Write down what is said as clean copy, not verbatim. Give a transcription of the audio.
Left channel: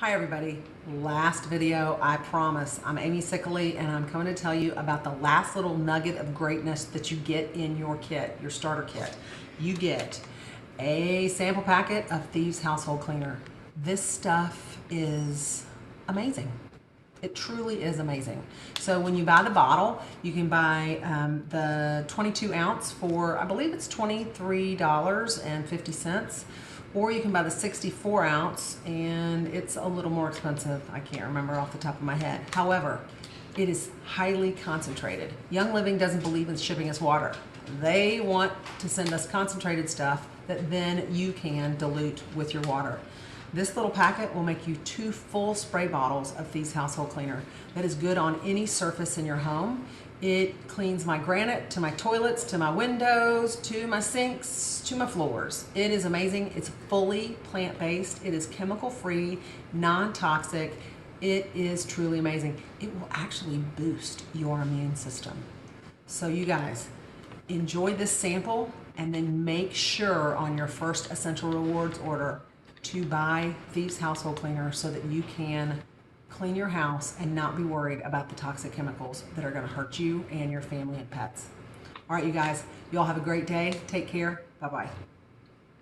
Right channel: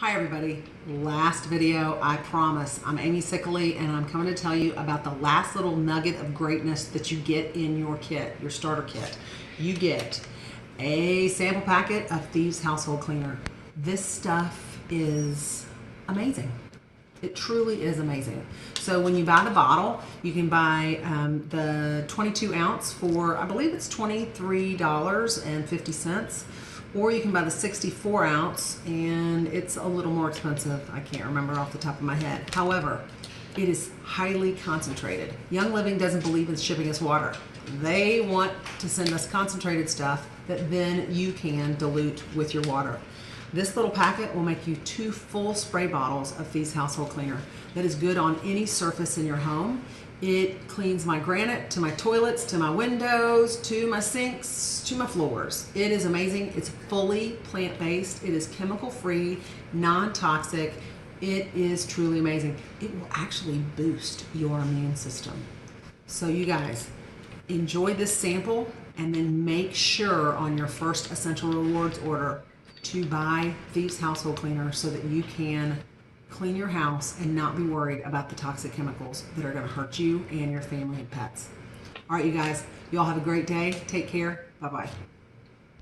Hi everybody, last video, I promise. I'm Amy Sickley and I'm coming to tell you about the last little nugget of greatness that you get in your kit, your starter kit. You get a sample packet of Thieves household cleaner. This stuff is amazing. It truly is amazing. So when you buy the bottle, you can buy the 22 ounce for, I believe it's $23.50. Or you can buy the 64 ounce and it's a little more expensive. I can't remember off the top of my head. However, it is highly concentrated. Young Living doesn't believe in shipping us water. They want to send us concentrated stuff that then you can dilute with your water. This little packet will make you 2 full spray bottles of Thieves household cleaner that is good on any surface in your home. It cleans my granite, to my toilets, to my windows, to my sinks, to my floors. It is amazing. It's fully plant-based. It is chemical-free, non-toxic. It is truly amazing. It will actually boost your immune system. So you guys, enjoy this sample and then make sure on your first Essential Rewards order to buy Thieves household cleaner so that you can clean your house and not be worried about the toxic chemicals that are going to hurt you and your family and pets. All right, you guys, you all have a great day. Take care. Bye-bye.